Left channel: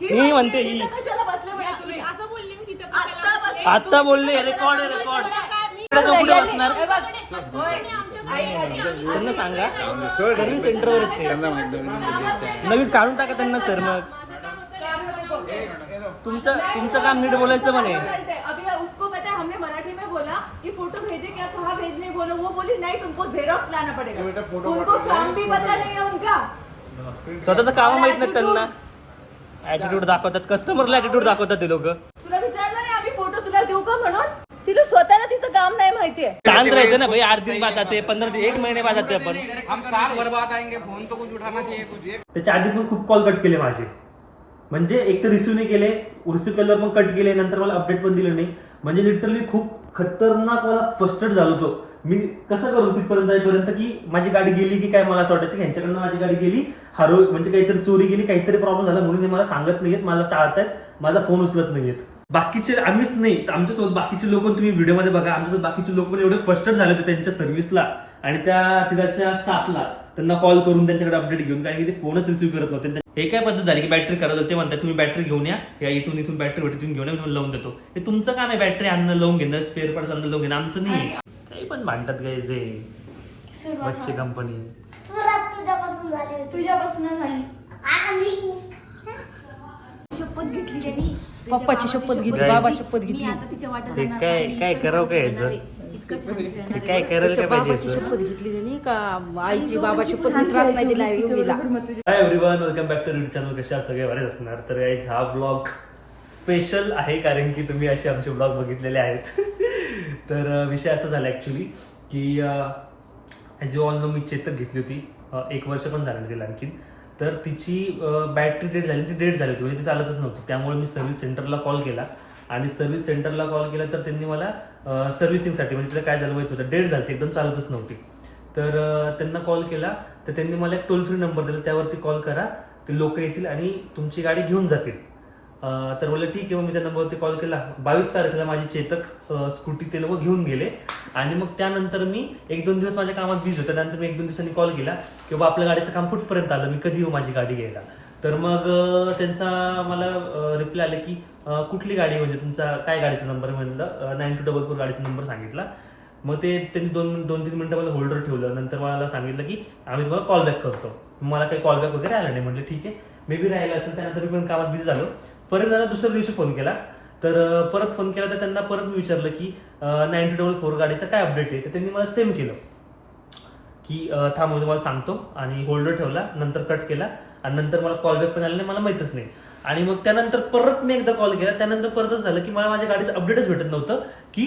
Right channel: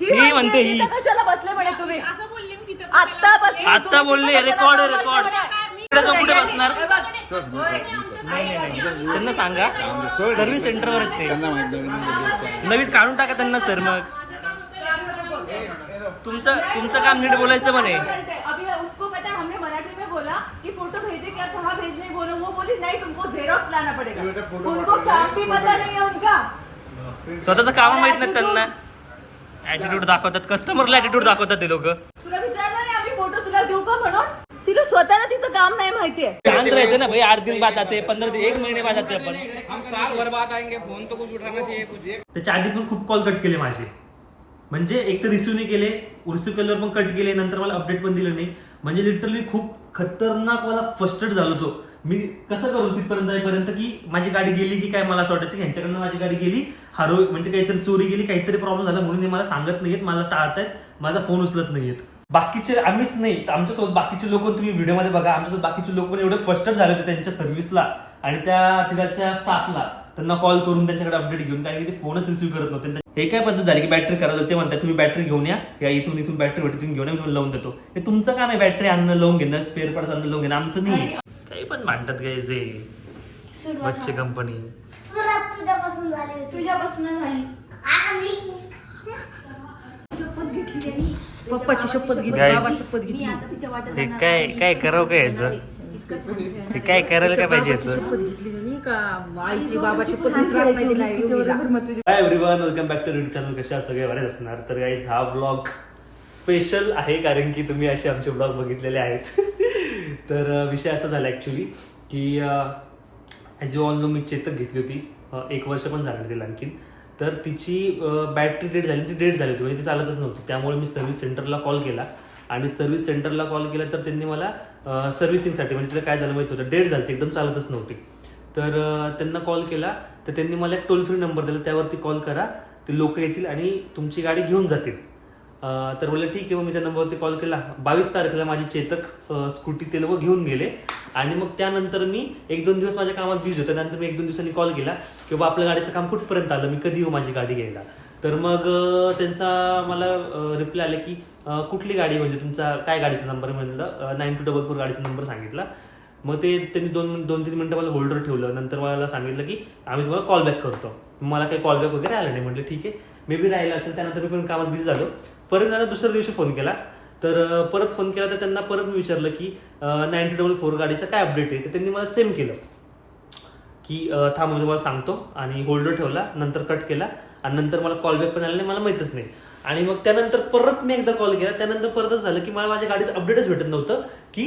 ही म्हणते ही. इथं कशाला बसले म्हणे तुम्ही? असं बोलले मी तिथं आत्ता बसले आता बोलले रेकॉर्ड रेकॉर्ड कुठे बसणार? त्यांना सांगा. सर्व्हिस सेंटरवर ते. नवीन काढून टाका त्यांना सर मग. तुमचं तुमचं काम नीट बोलायचं म्हणे. अभी उसको पता हमने मराठी में बोला कि फोटो भेजे क्या कहाँ भेजने बोलो? वो बोली नहीं तुमको जेरोक्स लाना पड़ेगा. उनको काम भी पता नहीं है उनका। स्वतःचं काम माहीत नाही त्यांना. ऍटिट्यूड दाखवतात. कस्टमरला ऍटिट्यूड दाखवतात ते लोक. तुला विचारलं नाही आम्ही फोटो तुला देऊ का म्हणून? तिला स्वतःला तिचं काम नाही माहितीये. शांत राहायचं ना भाई आठ दिन बाद आते पंधरा दिन एक महिने बाद आते आपण. हम साल भर बाद आएंगे फोन तो कुछ उठाना चाहिए कुछ। त्याच्या आधी पण खूप कॉल कट केले माझे. म्हणजे एक तर रिसिव्ह नाही केले रिसिव्ह केल्यावर पण कट केले नंतर मला अपडेट पण दिलं नाही. म्हणजे लिटरली खूप खतरनाक मला फर्स्टेड झालो होतो मी कसं करू तिथपर्यंत जाईपर्यंत की माझी गाडी गेली की काय मला असं वाटायचं की ह्यांच्याकडनं माझी गाडी गेली हरव म्हणजे काहीतरी चोरी गेली काहीतरी प्रॉब्लेम झाला म्हणून ते मला सांगत नाहीयेत मला टाळतायत माझा फोन उचलत नाहीयेत. बाकीचे आम्हीच नाही आमच्यासोबत बाकीचे लोक तुम्ही व्हिडिओमध्ये बघा आमच्यासोबत बाकीचे लोक पण एवढे फर्स्टेड झाले होते त्यांच्या सर्व्हिसला आणि त्या तिथाच्या स्टाफला त्यांना कॉल करून त्यांच्याकडे अपडेट घेऊन कारण की ते फोनच रिसिव्ह करत नव्हते. हे काय पद्धत झाली की बॅटरी खराब होते ते म्हणतात तुम्ही बॅटरी घेऊन या या इथून इथून बॅटरी भेटून घेऊन या लावून देतो. हे तुमचं काम आहे बॅटरी आणणं लावून घेणं स्पेअर पार्ट्स आणणं लावून घेणं आमचं नाही काही पण भांडतात गायचे बच्चे कंपनी सुरुवात तुझ्यापासून झाली तुझ्यापासून झाली. आणि? शपथ घेतली त्यांनी. पप्पाची शपथ घेतली Guys. बाबा शपथ मी घेतली. आता तिच्या वाटत हे काय काय करावं काय याचं? हे काय करायला काय पाहिजे शपथ घेतली त्यांनी का आईची बाबा शपथ घेतली त्रास नाही दिला योगीला hi everyone welcome back to YouTube channel कशा सगळे? बरेच असणार. तर गाईज हा ब्लॉग स्पेशल आहे कारण की तुम्ही असे आमचे ब्लॉग बघितलेले आहेत. तर विषय असा झाला ॲक्च्युली की ॲज यू ऑल नो मी चेतक घेतली होती एक वर्ष पण झालं तिला आणखीन. तर तिची बॅटरी डेट झाली ती डेट झाली होती म्हणजे ती चालतच नव्हती. त्यामुळे मी सर्व्हिस सेंटरला कॉल केला आणि सर्व्हिस सेंटरला कॉल केला तर त्यांनी मला सर्व्हिसिंगसाठी म्हणजे तिला काय झालं माहिती होतं डेट झाली एकदम चालतच नव्हती. तर त्यांना कॉल केला तर त्यांनी मला एक टोल फ्री नंबर दिला त्यावरती कॉल करा ते लोक येतील आणि तुमची गाडी घेऊन जातील. तर बोललं ठीक आहे मग मी त्या नंबरवरती कॉल केला. बावीस तारखेला माझी चेतक स्कूटी ते लोक घेऊन गेले. आणि मग त्यानंतर मी एक दोन दिवस माझ्या कामात बिझी होतं. त्यानंतर मी एक दोन दिवसांनी कॉल केला की बाबा आपल्या गाडीचं काम कुठपर्यंत आलं? मी कधी येऊ माझी गाडी घ्यायला? तर मग त्यांचा मला रिप्लाय आले की कुठली गाडी? म्हणजे तुमचा काय गाडीचा नंबर म्हणलं नाईन टू डबल फोर गाडीचा नंबर सांगितला. मग ते त्यांनी दोन दोन तीन मिनटं मला होल्डर ठेवलं. नंतर मला सांगितलं की आम्ही तुम्हाला कॉल बॅक करतो. मला काही कॉल बॅक वगैरे आला नाही. म्हटलं ठीक आहे. मे बी राहिलं असेल त्यानंतर मी पण कामात बिझी झालो. परत त्यांना दुसऱ्या दिवशी फोन केला. तर परत फोन केला तर त्यांना परत मी विचारलं की नाईन्टी डबल फोर गाडीचा काय अपडेट आहे? तर त्यांनी मला सेम केलं. की थांब म्हणजे मला सांगतो. आणि होल्डर ठेवला नंतर कट केला. आणि नंतर मला कॉल बॅक पण आला नाही मला माहीतच नाही. आणि मग त्यानंतर परत मी एकदा कॉल केला. त्यानंतर परतच झालं की मला माझ्या गाडीचं अपडेटच भेटत नव्हतं की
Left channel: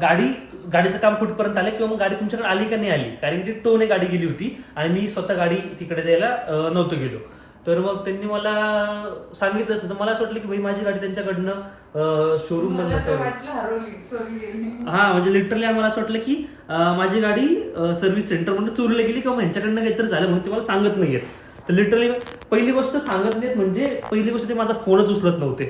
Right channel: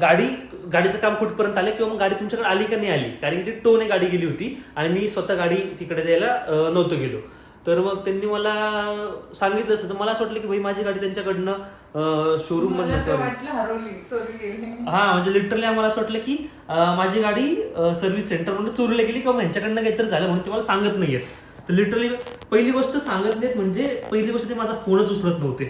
गाडी गाडीचं काम कुठपर्यंत आलं किंवा मग गाडी तुमच्याकडे आली का नाही आली? कारण की ती टोने गाडी गेली होती आणि मी स्वतः गाडी तिकडे द्यायला नव्हतं गेलो. तर मग त्यांनी मला सांगितलं असतं. तर मला असं वाटलं की भाई माझी गाडी त्यांच्याकडनं शोरूम मधनं सॉरी हा म्हणजे लिटरली आम्हाला असं वाटलं की माझी गाडी सर्व्हिस सेंटर म्हणून चोरीला गेली किंवा ह्यांच्याकडनं काहीतरी झालं म्हणून ते मला सांगत नाहीयेत तर लिटरली पहिली गोष्ट सांगत नाहीत म्हणजे पहिली गोष्ट ते माझा फोनच उचलत नव्हते.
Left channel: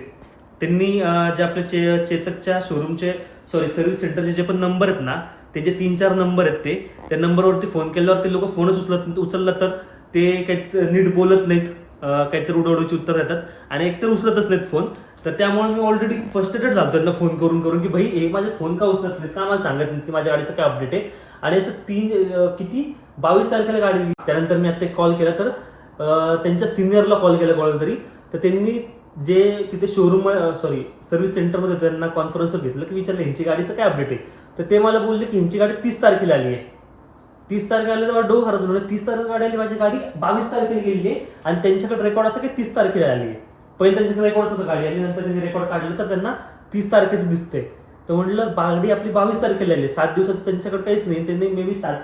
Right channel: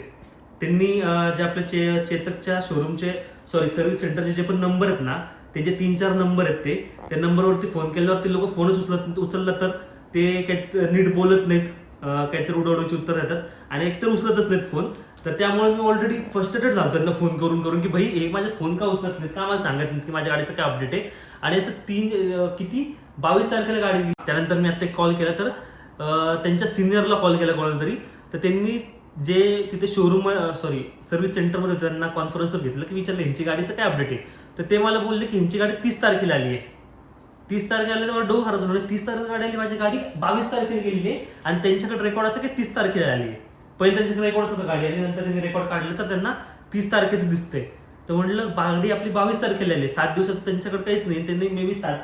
त्यांनी जे आपल्या चे चेतकच्या शोरूमचे सॉरी सर्व्हिस सेंटरचे जे पण नंबर आहेत ना ते जे तीन चार नंबर आहेत ते त्या नंबरवरती फोन केल्यावर ते लोक फोनच उचलत उचललं तर ते काही नीट बोलत नाहीत. काहीतरी उडवडूची उत्तर देतात. आणि एकतर उचलतच नाहीत फोन तर त्यामुळे मी ऑलरेडी फर्स्टेटेड झालो त्यांना फोन करून करून की भाई हे माझे फोन का उचलत नाहीत? का मला सांगत नाहीत की माझ्या गाडीचं काय अपडेट आहे? आणि असं तीन किती? बावीस तारखेला गाडी दिली. त्यानंतर मी आता एक कॉल केला. तर त्यांच्या सिनियरला कॉल केला कॉल तरी. तर त्यांनी जे तिथे शोरूम सॉरी सर्व्हिस सेंटरमध्ये त्यांना कॉन्फरन्स घेतलं की विचारलं ह्यांची गाडीचं काय अपडेट आहे? तर ते मला बोलले की ह्यांची गाडी तीस तारखेला आली आहे. तीस तारखेला आले तर मला डोक हरत होतं. तीस तारखेला गाडी आली माझी गाडी बावीस तारखेला गेलेली आहे. आणि त्यांच्याकडे रेकॉर्ड असं की तीस तारखेला आली पहिले त्यांच्याकडे रेकॉर्ड होतं गाडी आली नंतर त्यांनी रेकॉर्ड काढलं तर त्यांना तीस तारखेचं दिसते तर म्हटलं गाडी आपली बावीस तारखेला आली आहे. सात दिवसाचं त्यांच्याकडे काहीच नाही. त्यांनी मे बी सात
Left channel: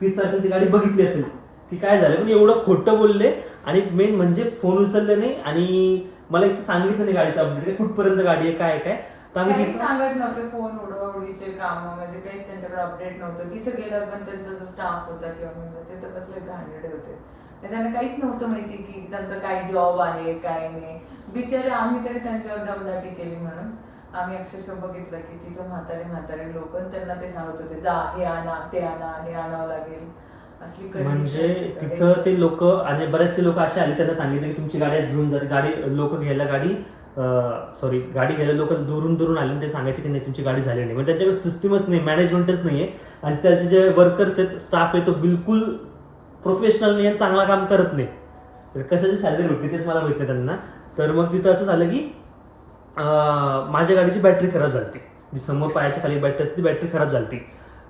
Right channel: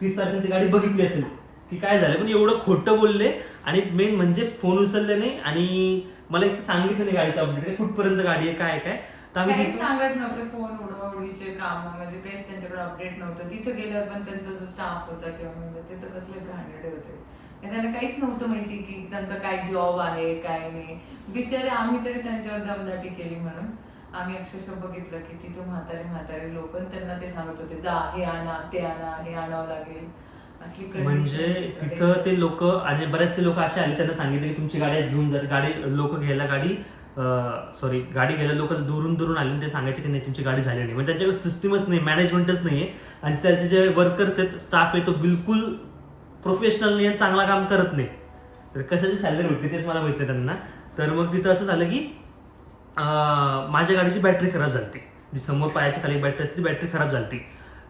तीस तारखेला ती गाडी बघितली असेल की काय झालं. पण एवढं खोटं बोलले आणि मेन म्हणजे फोन उचलले नाही. आणि मला एक तर सांगितलं नाही गाडीचं अपडेट कुठपर्यंत गाडी आहे काय आहे, काय? तर आम्ही काहीच तिथं- सांगत नव्हते फोन उडवडीचे काम म्हणजे काहीच त्यांच्याकडे अपडेट नव्हतं. तिथं गेल्यावर पण त्यांचा जो स्टाफ होता किंवा म्हणजे ते तर कसले घाणेरडे होते. त्यांना काहीच नव्हतं माहिती की त्यांचा काय जॉब आहे काय नाही. बिचारे आम्ही तरी त्यांच्यावर दमदाटी केली म्हणून. आम्ही अक्षरशः बघितलं की तिथं म्हातारे म्हातारे लोक त्यांना ते सांगत होते जा हे आणा ते आणा हे आणावं लागेल. असली condition म्हणजे तिथं. तिथं ते लोक आणि बरेचसे लोक असे आले त्यांना सांगितलं की तुमची गाडी आज घेऊन जाते गाडी लोक घ्यायला गाडी सॉरी गाडी घ्यायला लोक दुरून दुरून आले आणि ते सांगायचे की नाही तुमची गाडी झाली नाही. म्हणजे त्यांच्याकडे सिस्टमच नाही मॅनेजमेंटच नाही आहे आणि त्याचे जे वर्कर्स आहेत स्टाफ आहे तो बिलकुल प्रोफेशनल नाही आहे चांगला काम करत नाही. तर कशाची सॅलरी भेटते तेच मला भेटते त्यांना. तर मग तिथं असं झालं की माझ्या गाडीची बॅटरी खराब झाली जी समोर पायाच्या खाली बॅटरी असते ती बॅटरी खराब झाली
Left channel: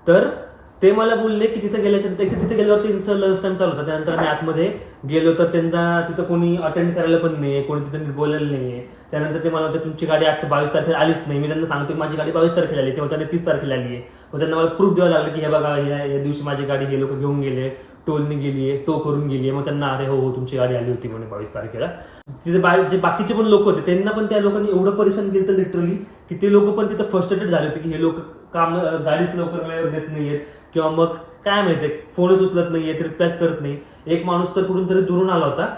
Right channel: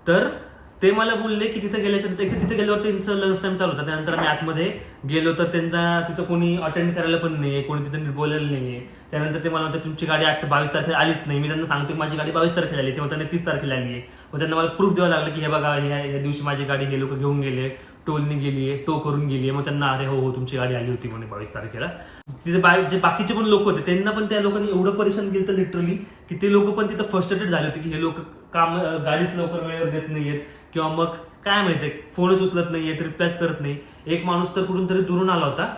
तर ते मला बोलले की तिथे गेल्याच्यानंतर की तिथे गेल्यावर त्यांचं लंच टाइम चालू होता. त्यानंतर आम्ही आतमध्ये गेलो तर त्यांचा तिथं कोणी अटेंड करायला पण नाही कोणी तिथे नीट बोलायला नाही त्यानंतर ते मला म्हणतात तुमची गाडी आठ बावीस तारखेला आलीच नाही. मी त्यांना सांगतो की माझी गाडी बावीस तारखेला आली. तेव्हा त्यांनी तीस तारखेला आली आहे मग त्यांना मला प्रूफ द्यावं लागलं की हे बघा या या दिवशी माझी गाडी हे लोक घेऊन गेले टोलनी गेली आहे टो करून गेली आहे मग त्यांना अरे हो हो तुमची गाडी आली होती म्हणे बावीस तारखेला. तिथे बा- जे बाकीचे पण लोक होते त्यांना पण त्या लोकांनी एवढं परेशान केलं तर लिटरली की ते लोक पण तिथं फर्स्ट एडेड झाले होते की हे लोक काम गाडीच लवकर वेळेवर देत आहेत किंवा मग काय माहितीये फोनच उचलत नाहीयेत रिप्लायच करत नाही. एक माणूस तर कुठून तरी दुरून आला होता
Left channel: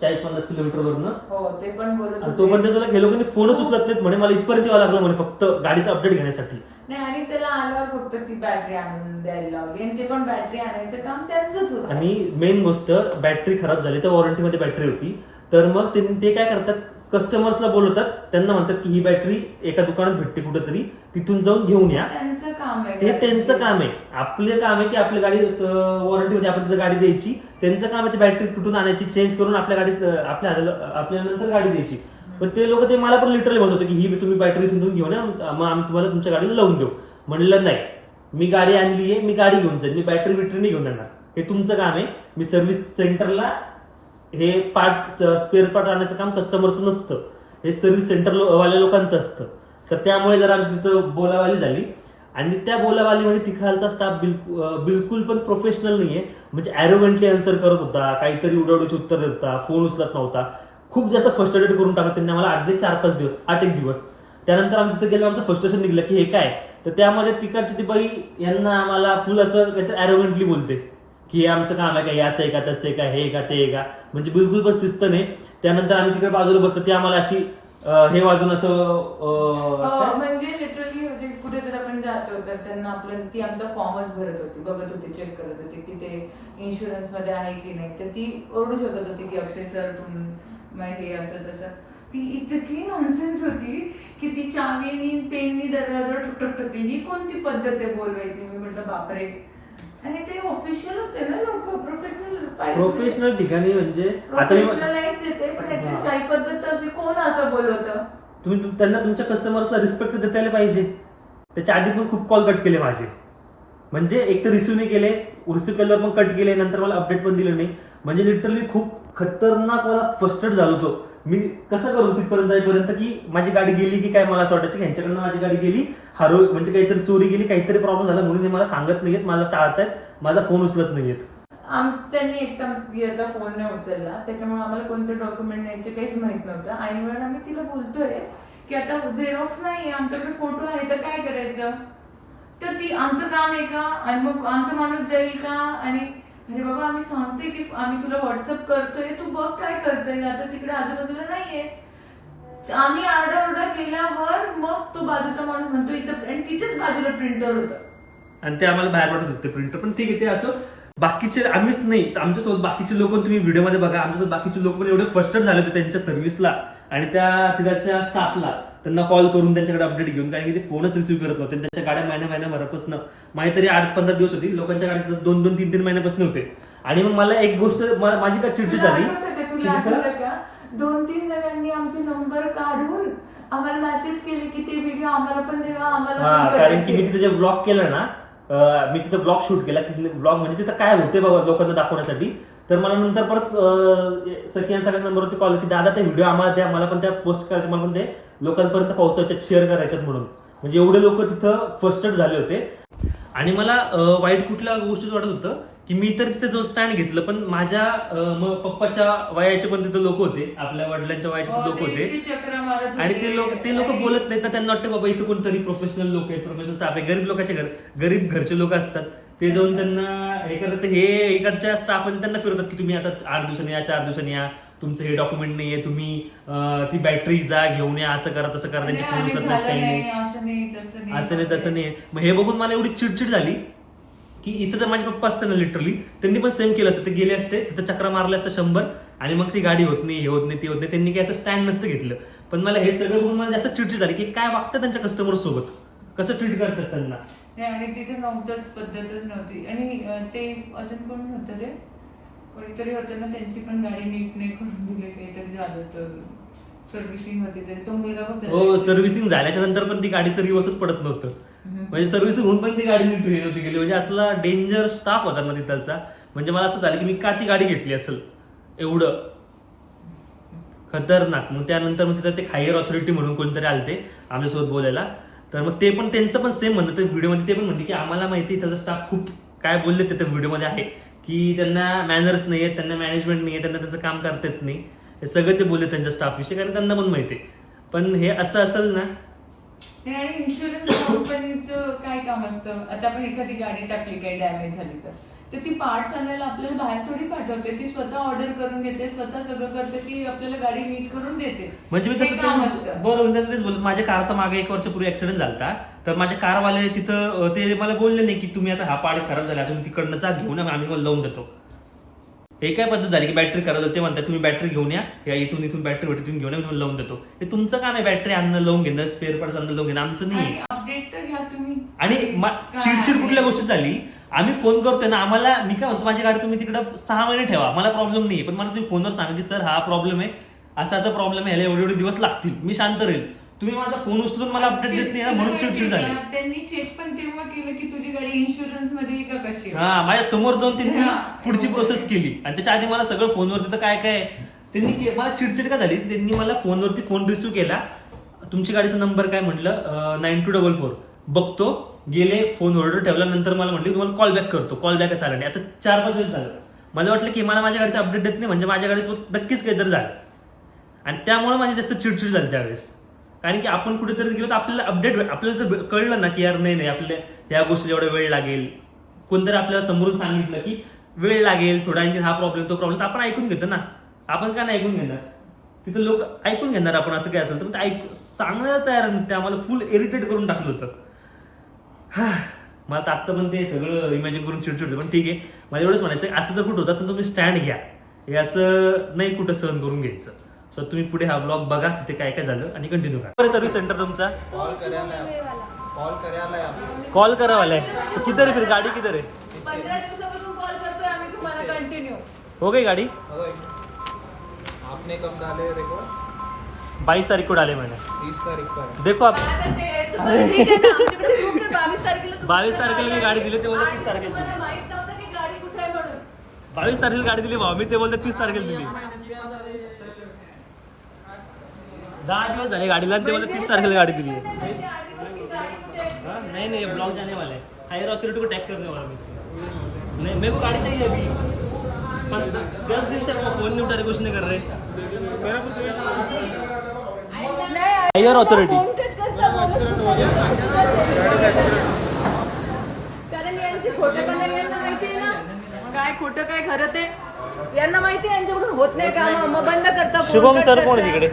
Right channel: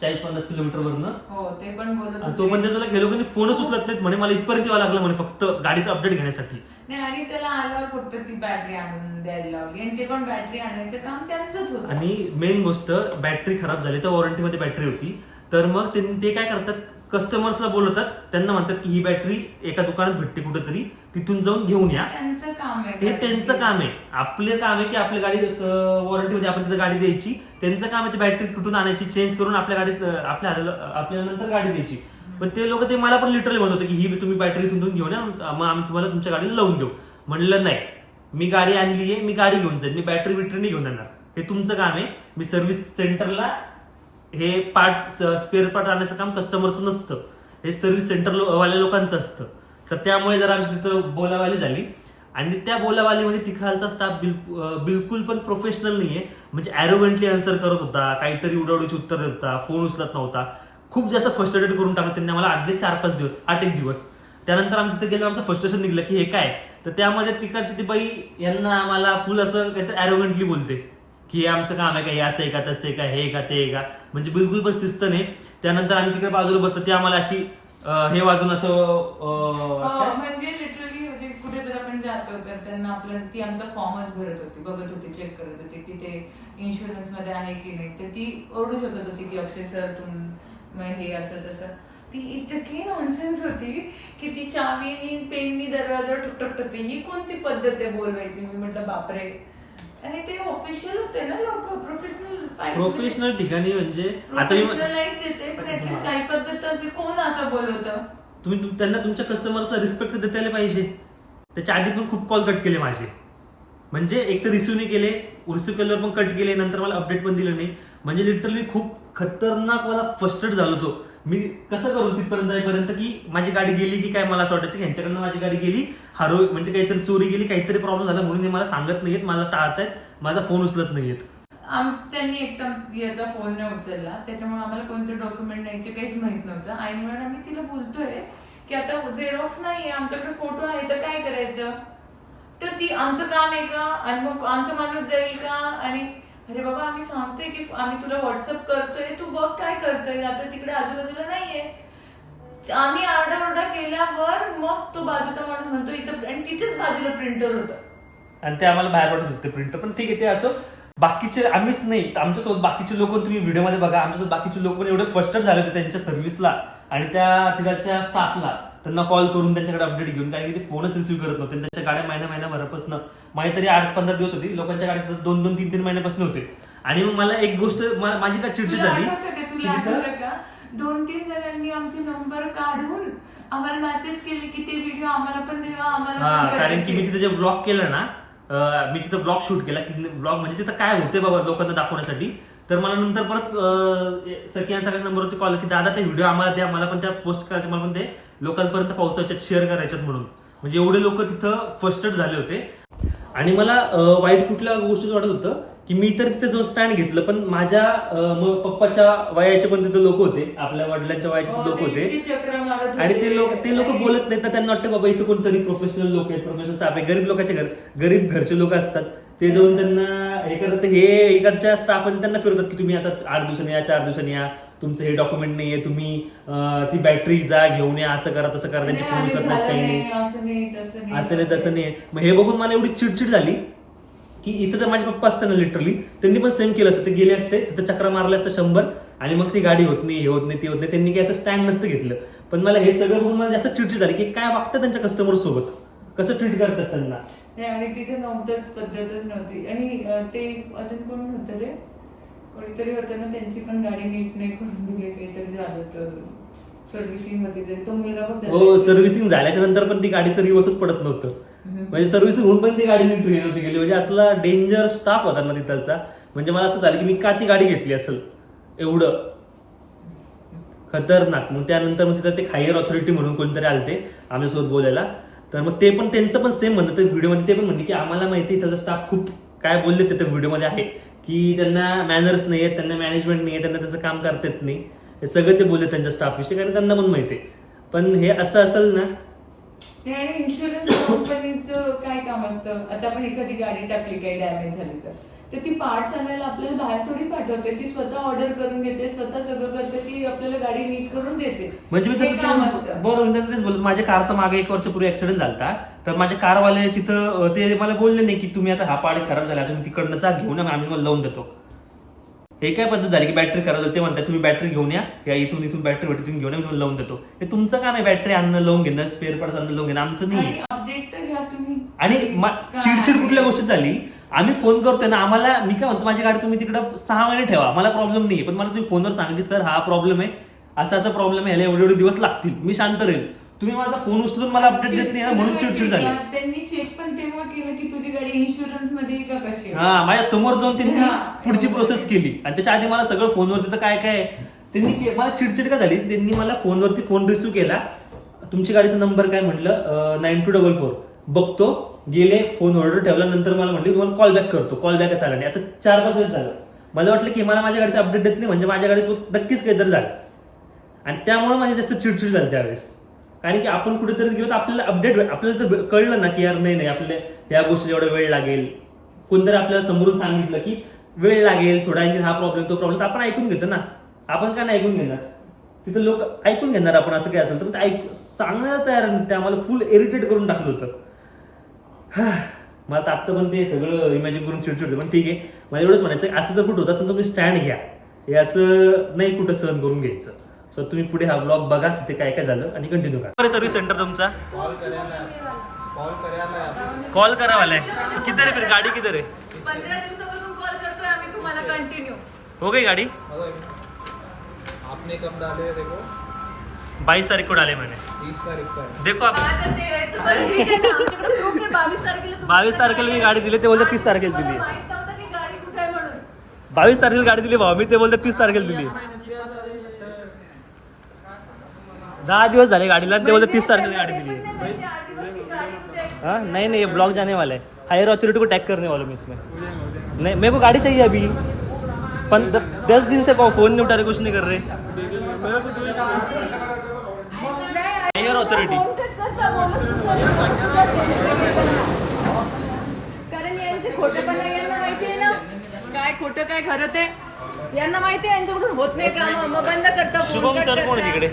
चाळीस पन्नास किलोमीटर वरनं. हो ते पण. त्याच्याला हे लोकांनी फोनच उचलत नाहीत म्हणे मला इथपर्यंत यावं लागलं म्हणे फक्त गाडीचं अपडेट घेण्यासाठी. नाही आणि त्याला आल्यावर फक्त ती बॅटरी आणून द्यायला आणि ते पण बॅटरी आणायचं काम त्यांचंच होतं. आणि मेन गोष्ट बॅटरी खराब झाली तर वॉरंटीमध्ये बॅटरी होती. तर मग ते ते काय करतात? कस्टमर्सला बोलवतात त्यांना म्हणतात की ही बॅटरी एका दुकानात भेटते कुठेतरी. तिथून जाऊन घेऊन या. त्यांचं काम आहे. ते त्यांचं काम आहे. आपलं काम आहे की आपल्या गाडी वॉरंटीमध्ये आपण तिथं गाडी द्यायची. त्यांचं काम आहे ती बॅटरी कुठून आणायची चेंज करून आपल्या गाडीत आपल्या आपल्या नंतर गाडी द्यायची. पण ते लोक ते मला पण लिटरली म्हणत होते की ही तुम्ही बॅटरी इथून घेऊन या मग आम्ही तुम्हाला तुमच्या गाडीला लावून देऊ. म्हणलं नाही. मी गाडी आणली आहे मी गाडी घेऊन जाईल मी बॅटरी बिटरी नाही घेऊन येणार हे तुमचं काम आहे. मी सर्व्हिस सेंटरला हे पार्ट्स स्पेअर पार्ट आणण्याचं काम कस्टमरचं नसतं. हे सर्व्हिस सेंटर वाल्या लोकांचं असतं. तर त्यामुळे जर आमची तिथं बोलावाली झाली. आणि त्या बोलावालीमध्ये तिखालचा स्टाफ बिलकुल बिलकुल पण प्रोफेशनल नाही आहे म्हणजे अॅरोगंटली आन्सर करत होता काहीतरी उडवडीची उत्तर देत होता फोन उचलत नव्हता. खूप जास्त फ्रस्ट्रेटेड करून टाकलं त्यांनी आम्हाला आठ ते चार पाच दिवस आठ एक दिवस. त्यानंतर आम्ही तिथे गेलो आमचं फ्रस्ट्रेशन निघलं की हे काय? तर त्यामध्ये तिकडची ती बाई यांना आम्हाला फुल असं काहीतरी अॅरोगंटली बोलते. की हे आमचं काम आहे का? हे असं आहे का? तसं आहे का? हे का? ते का? म्हणजे बिलकुल पण शिस्त नाही. त्यानंतर आम्ही तिकडे बाजूला बसतो ती आम्हाला अशी अं, हे वाजून असं अं, हो, काय? म्हणजे लिटरली म्हणजे कुठे जर आपण जातो तर त्यांना आपल्या ती आमचा फॉर्मच भरत होती बघत होती चेक करत होती की ते इन्शुरन्समध्ये आहे की नाही. तर ती ओरडू शकत होती की अक्षय सर तुम हे असं तसं. ती इतकी नॉनसेन्स होती की ती चावीनी पेननी दरवाजावर ठक ठक ठक ही कोणती पद्धत आहे बोलवायची? मी म्हटलं बापरे आणि ते ऑफिशियल होते ना लोक प्रोफेशनल प्रोफेशनल ठिकाणी म्हणजे आता मी प्रोफेशनलाइज येते पण ऍटलीस्ट काही पद्धत असते कोण असं बोलवतं? तुम्ही तुम- त्यांना तुमच्या कस्टमरचा रिस्पेक्ट देता यायला पाहिजे. त्याच्या आधी पण खूप कॉल कट केले माझे. म्हणजे एक तर रिसिव्ह नाही केले रिसिव्ह केल्यावर पण कट केले नंतर मला अपडेट पण दिलं नाही. म्हणजे लिटरली खूप खतरनाक मला फस्टेड झालो होतो. मी कसं करू तिथपर्यंत जाईपर्यंत की माझी गाडी गेली की काय मला असं वाटायचं की ह्यांच्याकडनं माझी गाडी गेली हरव म्हणजे काहीतरी चोरी गेली काहीतरी प्रॉब्लेम झाला म्हणून ते मला सांगत नाहीयेत मला टाळतायत माझा फोन उचलत नाहीयेत. आम त्यांनी एकदम याचा फोन नाही उचलला. त्याच्यामुळे आम्हाला कोणते डॉक्युमेंट न्यायचे काहीच माहीत नव्हतं. आणि म्हणून आम्ही तिला बोलतोय की आता झेरॉक्स नाही आमच्याकडे फोटो आहे तर काय करायचं? तर ती आमचं काम आहे का? आणि मग आमचा माणूस जाईल का? आणि अरे बाबा आम्ही सांगतोय की आम्ही तुला व्हॉट्सअप करतोय तू बघ काय करतोय. आता तिकडे आजूबाजूला नाहीये. आम्ही आरडाओरडा केल्यावर मग तो बाजूचा माणूस म्हणतो इथं आणि तिच्याच बाजूला प्रिंटर होतं. आणि ते आम्हाला बाहेर वाटत होते प्रिंटर पण ठीक आहे ते असं बाकीचे आम्हीच नाही आमच्यासोबत बाकीचे लोक तुम्ही व्हिडिओमध्ये बघा. आमच्यासोबत बाकीचे लोक पण एवढे फस्टच झाले होते त्यांच्या सर्व्हिसला आणि त्या तिथाच्या स्टाफला त्यांना कॉल करून त्यांच्याकडे अपडेट घेऊन कारण की ते फोनच रिसिव्ह करत नव्हते. त्यांच्या गाड्या महिन्या महिन्याभरापासून माझी तरी आठ पंधरा दिवस होती. लोकांच्या गाडीत दोन दोन तीन तीन महिन्यापासून होते. आणि मग मला एक गोष्ट माझी काय चिडचिड झाली. का? की का? दोन तीन जणांनी आमचे नंबर काढून आम्हाला मेसेज केले की ते व्हिडिओ आम्हाला पण आम्हाला कारण की मी. तिथे जे ब्लॉग केलं ना मी तिथं ब्लॉग शूट केला. की ब्लॉग म्हणजे तिथं काय होते बाबा लोकांना दाखवण्यासाठी. तर मला नंतर परत सखियान सगळ्या नंबरवरती कॉल की दादा ते व्हिडिओ आम्हाला द्या मला पण त्या पोस्ट करायचे मला पण ते लोकांपर्यंत पोहोचायच्यात शेअर करायच्यात म्हणून. म्हणजे एवढे लोक तिथं फर्स्टच झाले होते. आणि मला वाईट कुठल्या गोष्टीचं वाटत होतं की मी तर तिथे जो स्टँड घेतलं पण माझ्या पप्पाच्या वयाचे पण तिथे लोक होते आपल्या वडिलांच्या वयाचे हो, लोक होते. आणि. ते लोक ते लोक बोलत नाहीत ना त्यांना वाटतं बाबा इथं कोणतरी प्रोफेशनल लोक आहेत प्रोफेशनल स्टाफ आहे गरीब लोकांचे घर गरीब घरचे लोक असतात. ते जाऊन त्यांना हे करत हे इकडच्या स्टाफमध्ये त्यांना फिरवतात की तुम्ही आता आठ दिवसांनी या चार दिवसांनी या. तुमचं हे डॉक्युमेंट नाहीये तुम्ही अं, ती बॅटरी जा घेऊन या. असं करा तसं करा. त्यांचे नाही, फोन उचलत काही नाही, नाही. असं नाही तसं नाही. असं नाही तसं नाही. मग हे बघून मला एवढी चिडचिड झाली की इथं जर माझे पप्पा असते ना लिटरली त्यांनी पण सेम केलं असतं. ते गेले असते तिथं चक्रा मारले असतं शंभर. आणि मग ती गाडी होत नाही हे होत नाही ती होत नाही. त्यांनी काही असं स्टँड नसतं घेतलं. पण मला हे सगळं बघून मला जास्त चिडचिड झाली की काय वागतं त्यांच्या कस्टमर सोबत? कसं ट्रीट करतात त्यांना? नाही आणि तिथे नव्हतंच पद्धतच नव्हती. आणि ते अजून कोण होतं रे? कोणीतरी होतं ना त्यांची पण गाडी नीट नाही करून दिली काहीतरी झालं होतं. सर्व्हिसिंग होती तरी. तो मुलगा हो सर्व्हिसिंग झाल्याच्यानंतर पण ती गाडीचं रिवर्सच पडत नव्हतं. म्हणजे सर्व्हिसिंग होऊन पण ती गाडी नीट हे नव्हती गेली म्हणजे असला डेंजर स्टाफ होता ना तिथलचा. म्हणजे मला असं झालं की मी का ती गाडी घेतली असेल? एवढं. खतरनाक. मग त्यानंतर मग तिथं ते हायर ऑथॉरिटी म्हणून कोणतरी आलते आमच्यासोबत बोलायला. तर मग ते पण त्यांचं पण सेम म्हणतं ते व्हिडिओमध्ये ते पण म्हणते की आम्हाला माहिती आहे त्याचा स्टाफ खूप काय बोलले ते व्हिडिओमध्ये आहे की त्यांना मॅनर्स नाही आहेत त्यांना मॅनेजमेंट नाही आहे त्यांना त्यांचं काम करता येत नाही. हे सगळं ते बोलले त्यांच्या स्टाफविषयी कारण त्यांना पण माहिती आहे. पण हे असं असेल ना आणि इन्शुरन्स कंपनीचं काय काम असतं? आता आपण एखादी गाडी टाकली काही डॅमेज झाली तर. तर ती पार्ट्स आणायला आपल्याला बाहेर थोडी पाठवते. ती स्वतः ऑर्डर करून घेते स्वतः सगळं करते ती आपल्याला गाडी नीट करून देते. म्हणजे मी हे तर काम तेच असतं. बरोबर मी तर तेच बोलत माझ्या कारचा मागे एक वर्षापूर्वी ऍक्सिडेंट झाला तर माझे कारवाले तिथं अं, ते मला बोलले नाही की तुम्ही आता हा पार्ट खराब झाला तुम्ही तिकडनं जा घेऊन या आम्ही लावून देतो. हे काय पद्धत झाली की बॅटरी खराब झाली? ते म्हणतात तुम्ही बॅटरी घेऊन या या इथून इथून बॅटरी तुम्ही घेऊन या मी तुम्हाला लावून देतो. हे तुमचं काम आहे बॅटरी आणणं लावून घेणं स्पेअर पार्ट्स आणणं लावून घेणं. आमचं नाही. आणि अपडेट तर घ्या तुम्ही. आणि मा- काय? चिडचिड कुठल्या गोष्टी झाली? आम्ही फोन करतोय ना आम्हाला मी काय म्हणतो माझी गाडी तुम्ही तिकडं सहा महिने ठेवा. मला प्रॉब्लेम नाही पण मला तुम्ही फोनवर सांगा की सर हा प्रॉब्लेम आहे. असा असा प्रॉब्लेम आहे एवढे एवढे दिवस लागतील. मी शांत राहील. तुम्ही माझा फोन उचलून मला अपडेट देत नाही ना म्हणून चिडचिड झाली. त्यांनी चेक पण तेव्हा केलं की तुझी गाडी इन्शुरन्समध्ये का कशी? हा माझ्यासमोर जाऊन त्यांनी. पुढची प्रोसेस केली. आणि त्याच्या आधी मला सगळं फोनवरती तर काय काय? त्यांनी मला चिडचिड का झाली? त्यांनी मला फोनवरती फोन रिसिव्ह केला. तुमची गाडीचा नंबर काय म्हणलं? नाईन टू डबल फोर बघतो. गेले फोन ऑर्डर ठेवल्यानंतर मला म्हटली तुम्हाला कॉल बॅक करतो कॉल बॅक झाला नाही. असं चार पाच वेळेस झालं. मला वाटलं की मला माझ्या गाडीचं अपडेट देत नाही म्हणजे माझ्या गाडीसोबत नक्कीच काहीतरी झालं. आणि त्यामुळे माझी जास्त चिडचिड झाली त्यावेळेस. कारण की आपण कुठेतरी गेलो तर आपल्याला अपडेट आपल्याला जर कळलं ना की यार नाही नाही आपल्या या गोष्टीला एवढा वेळ लागेल. कोणतरी आपल्याला समोरून सांगितलं की वेळ लागेल थोडा आणखी हा प्रॉब्लेम तो प्रॉब्लेम तर आपण ऐकून घेतो ना. आपण का नाही ऐकून घेणार? तिथं लोक ऐकून घेणार आपण असं काय असेल तर. मग ते ऐक सांगण्याला तयार नाही. ते आम्हाला फुल इरिटेट करून टाकलं होतं. हा. मला तर आत्ता पण ते सगळं इमॅजिन करून चिडचिड होतं पण ठीक आहे. मला एवढंच म्हणायचं आहे, असं जर कुठं होतं असेल तर तुम्ही स्टँड घ्या. हे असं नाही कुठं सहन करून घ्यायचं. सो तुम्ही पुढे हा ब्लॉग बघा तिथे काय काय झालं आणि कंटिन्यू करा. सर्व्हिस सेंटर तुमचा? कॉल करायला. कॉल करायला. कॉल करा वाला है किधर है फिर? गाड़ी है तुम्हाला कंटिन्यू हो गई गाड़ी? आपने कब डाले देखो? बाईस तारीख को डाले मैंने तीस तारीख का है देखो आप. बावीस तारखेला मी गाडी दिली ते बोलते तीस तारखेला दिली. माहीत नव्हतं की गाडी कुठे आहे म्हणून. बावीस तारखेला गाडी दिली भाऊ मी ते बोलते तीस तारखेला दिली. दहा दिवस झाले गाडीला आणि ते बोलते तीस तारखेला गाड़ी दिली है? नहीं नहीं ये ब्लॉग जाने वाला. है हायर अथॉरिटी को टैग करने वाला हूँ मैं इसमें. नहीं मेरे को गाड़ी चाहिए अभी. पन दस दिन से फोन नहीं उठा रहे कुछ नहीं कर रहे. हायर अथॉरिटी फोन कट करता बोलत कारण यांचे खोटे पण नाही यांना माहिती आहे ना? काय खोटं काय खरं ते? यांना माहिती आहे यांच्याकडून होत नाही काम. मग बंद करता phone, शुभम सर कोण आहे. तिकडे?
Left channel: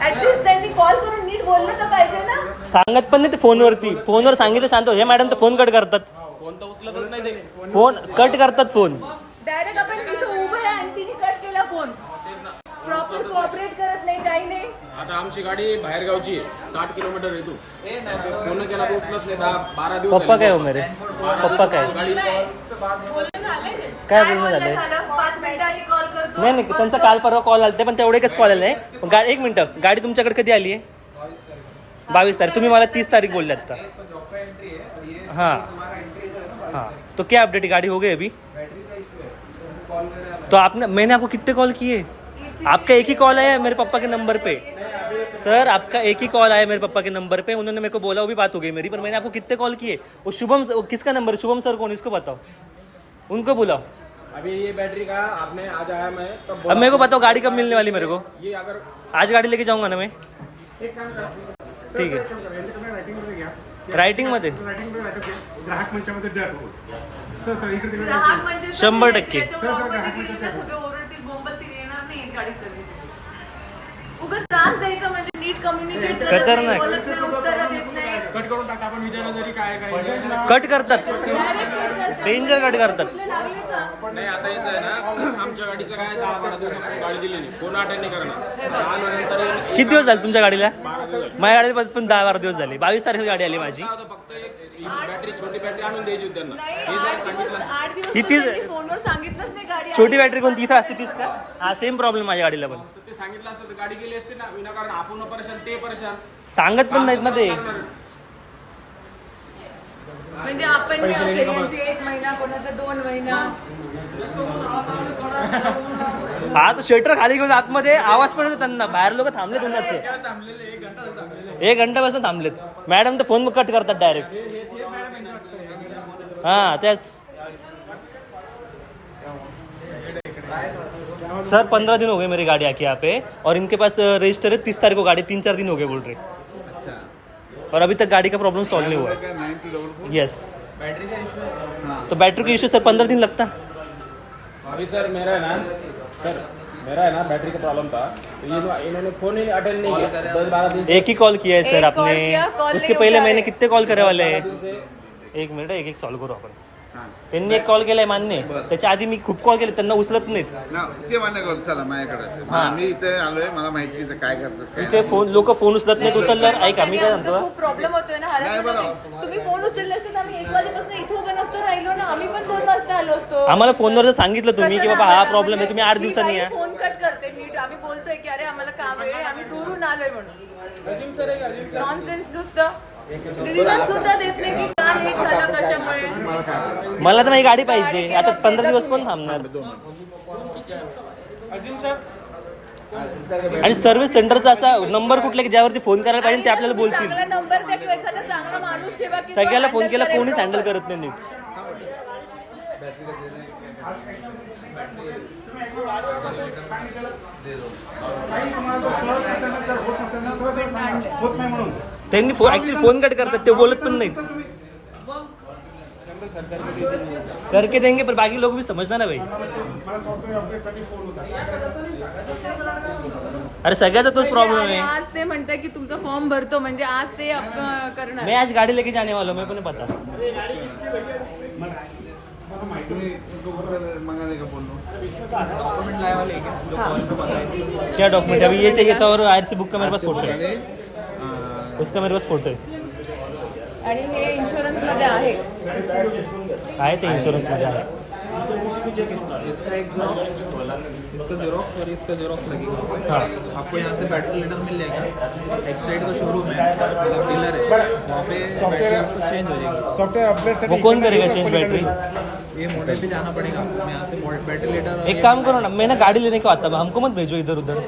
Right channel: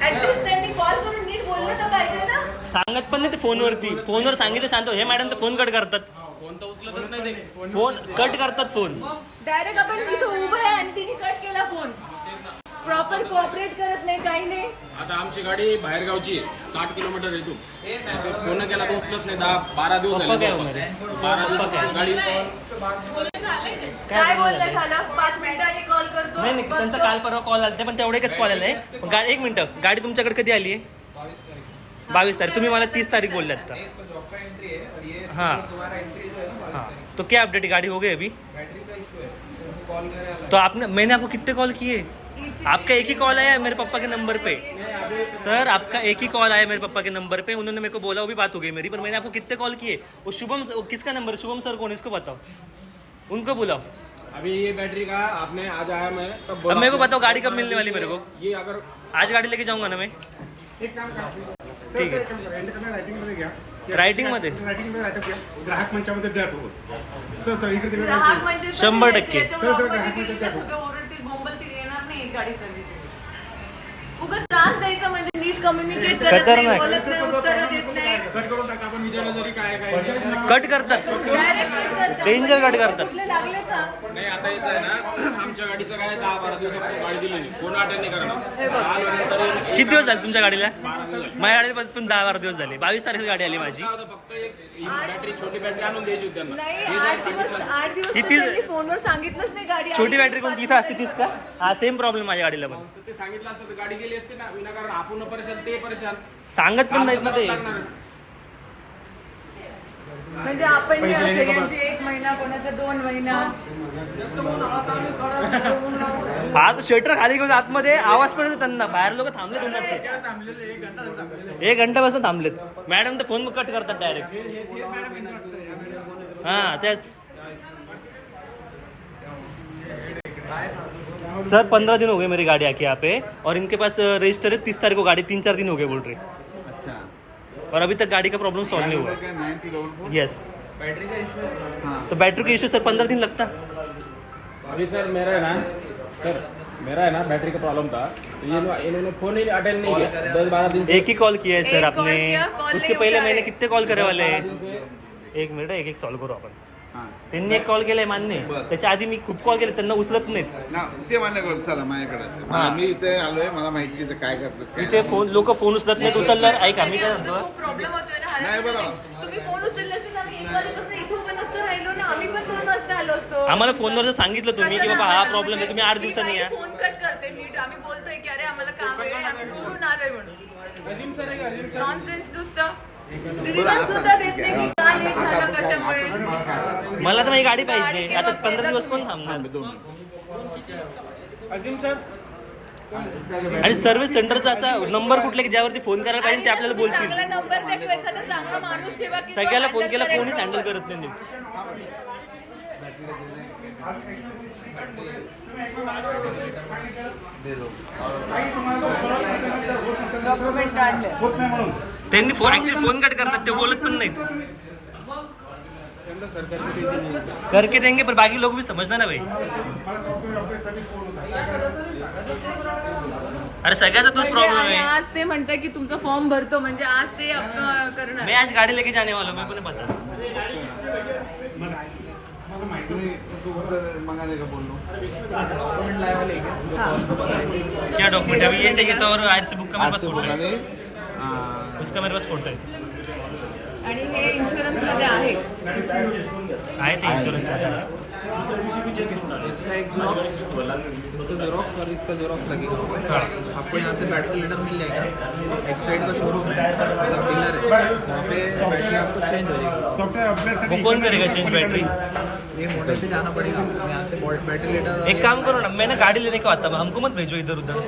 At least त्यांनी कॉल करून नीट बोललं तर पाहिजे ना? सांगत पण नाही ते फोनवरती. फोनवर सांगितलं शांत हो. हे मॅडम तर फोन कट करतात. फोन कट करतात फोन. डायरेक्ट आपण तिथं उभं आहे आणि तिने कट केला फोन प्रॉपर कोऑपरेट करत नाही काही नाही. आता आमची गाडी बाहेर गावची आहे. साठ किलोमीटर येतो फोन केला तर उचलत नाही. दहा बारा दिवस पप्पा. काय हो मेरे बारा पप्पा काय? दिवसापासून गाडी काय काय बोलणं बोलणं झालंय झालं? पाच मिनिटांनी कॉल करतो. नाही नाही त्यांचा काल परवा कॉल आला. पण तेवढे एकच कॉल आलाय गाडी एक मिनिट. गाडी तुमच्याकडे कधी आली आहे? बावीस तारीख. तुम्ही मला तीस तारीख बोलले आता जॉब का एंट्री है. हाँ. तुम्हारा एंट्री जो ना तो क्या अपडेट गाड़ी हो गई अभी? तो तो आपने मैंने आपको कितने कॉल किए? आपका एक ही कॉल आया है मेरे पापा के नंबर पे? सर आपका एक ही कॉल आया मेरे पापा के नंबर पे। उन्होंने मेरे को बोला वो भी बात हो गई मेरी पर मैंने आपको कितने कॉल किए? वो शुभम किसका नंबर शुभम सर कौन है? इसको बताओ। उनको बुलाओ। अभी ये बैटरी का आपने आज आया मैं तब अब मेरे को बताओ गाड़ी कब मिलने वाली मेरे को? ये अगर आज गाड़ी लेके जाऊँगा ना मैं? एक काम ठीक सर रायटिंग घ्या ग्राहक मंचामध्ये द्या तो सर सर इकडे तिकडे ग्राहक म्हणजे शंभर टक्के. सर, सर, मध्ये ग्राहक म्हणजे तर काय सगळे ओरडतील बोंबलतील येणार नाही गाडी सर्व्हिस उगाच त्रास द्यायचा म्हणजे नीट कम्युनिकेट करत खतरनाक. नाही बोलत नाही उत्तर देत नाही. कट करून टाका आपण विचारलं तरी काय काय कट करतात. Direct cut करतात. नाही आता याचं आहे ना आमच्या गाडीचं काय दहा बारा दिवसापासून गाडी दिली नाही. कोण अटेंड नाही करणार. आल्यानंतर किती दिवस झाले तुमच्या गाडीला. माझ्या गाडीला पण दहा बारा दिवस झाले. बावीस तारखेला गाडी आली माझी. फक्त एक बॅटरी छोटी बॅटरी आणून द्यायची होती त्यांना. हे जर सांगितलं. किती- छोटी. बॅटरी कोणती? इथं असते तीच का? हा सेम प्रॉब्लेम माझ्या गाडीला पण. तर ते सांगितलं असतं तर गाडी गेली असते ना विनाकारण आपण परेशान ते परेशान सांगत पण नाहीत ना ते. म्हणजे आपण सगळ्यांची एक महिना कोणाचा दोन महिना. हा तर शटर खाली घेऊन आतमध्ये आवाज पण येतो त्यांना. बाहेर लोक थांबले उन्हाचे. एक घंटा बसून थांबलेत. मॅडम तर फोन कट करतात डायरेक्ट हा तेच. सर पंद्रह दिन हो गए मेरी गाड़ी आके यहाँ पे और इनके पास रजिस्टर है तीस तारीख को गाड़ी तीन चार दिन हो गए बोल रहे। और अभी तक गाड़ी का प्रॉब्लम सॉल्व नहीं हुआ। यस बैटरी का इशू है? तो बैटरी का इशू सर पंद्रह दिन लगता। अभी सर मेरा है ना सर मेरा है ना बैटरी का प्रॉब्लम था। इन्होंने इन्होंने फ़ोन ही अटेंड नहीं किया। दस बारह दिन से एक ही कॉल किया है सर आपने। उसके पहले मैंने कितने कॉल करे वाले हैं एक मिनट एक एक सॉल्व करो आपण त्यांनी एक कॉल केलाय मान्य. त्याच्या आधी मी खूप कॉल केले त्यांना उचलत नाहीत. ना ते मान्य करू चला माझ्याकडे. हा. मी इथे आलोय मला माहिती इथे काय करतात काय इथे फोन लोक फोन उचलत नाहीत उचलल्यावर ऐका मी काय म्हणतो? खूप प्रॉब्लेम होतोय ना नाही, हरकत बरोबर. नाही. तुम्ही फोन उचलला असते तर आम्ही एक वाजेपासून इथं उभं नसतो राहिलो ना. आम्ही पण दोन वाजता आलो असतो. आम्हाला फोनवर जर सांगितलं तुम्ही की बाबा हा प्रॉब्लेम आहे तुम्ही आठ दिवसांनी या. फोन कट करते नीट. आम्ही बोलतोय की अरे आम्हाला काम आहे आम्ही दूरून आलोय म्हणून. नुसतं सुद्धा देत नाही की काल झालं कशामुळे? मला तर माझी गाडी पाहिजे. आता पंधरा दिवस कोण थांबणार? आणि सर्व्हिस सेंटरचा असा नंबर कुठला की ज्यावरती फोन करायला पाहिजे ते आपल्याला बोलतील? चांगला नंबर द्या किंवा एखादा चांगला माणूस ठेवा की तो सगळ्याला फोन केला कोणीच. हँडल करत नाही नीट. होत नाही म्हणून. त्यांनी ऍक्च्युली फोन कट करतात ते बोलत पण नाहीत. करके देंगे पर बाकी लोग भी समझना ना भाई. फोन अरे सगळ्याचा तोच प्रॉब्लेम आणि है आज ते म्हणताय की तुमचा फॉर्म भरतो म्हणजे आज ते अं, करणार. मैं आज गाड़ी लेके जाने वाला हूँ मेरे को नहीं पता हैं क्या डॉक्यूमेंट अभी ये चाहिए था और आयर से बुक का मेरे पास फोटो है। उसका मेरे पास फोटो है आणि हे इन्शुरन्समध्ये आहे. आहे ते इन्शुरन्समध्ये आहे. इसका एक जेरोक्स इसका जेरोक्स और इसका जेरोक्स लगेगा। आपको यहाँ से बैटरी लेटर मिल जाएगा. का शोरूम है. मतलब डीलर है. वहाँ पे बैटरी आपको चेंज हो जाएगी. वो कौन करेगा चेंज बैटरी ये मोटर पे जाना पड़ेगा आपको. यहाँ से बैटरी लेटर और एक ये- काम करो ना मैं ना गाड़ी लेने को आता हूँ? हमको मत भेजो इधर उधर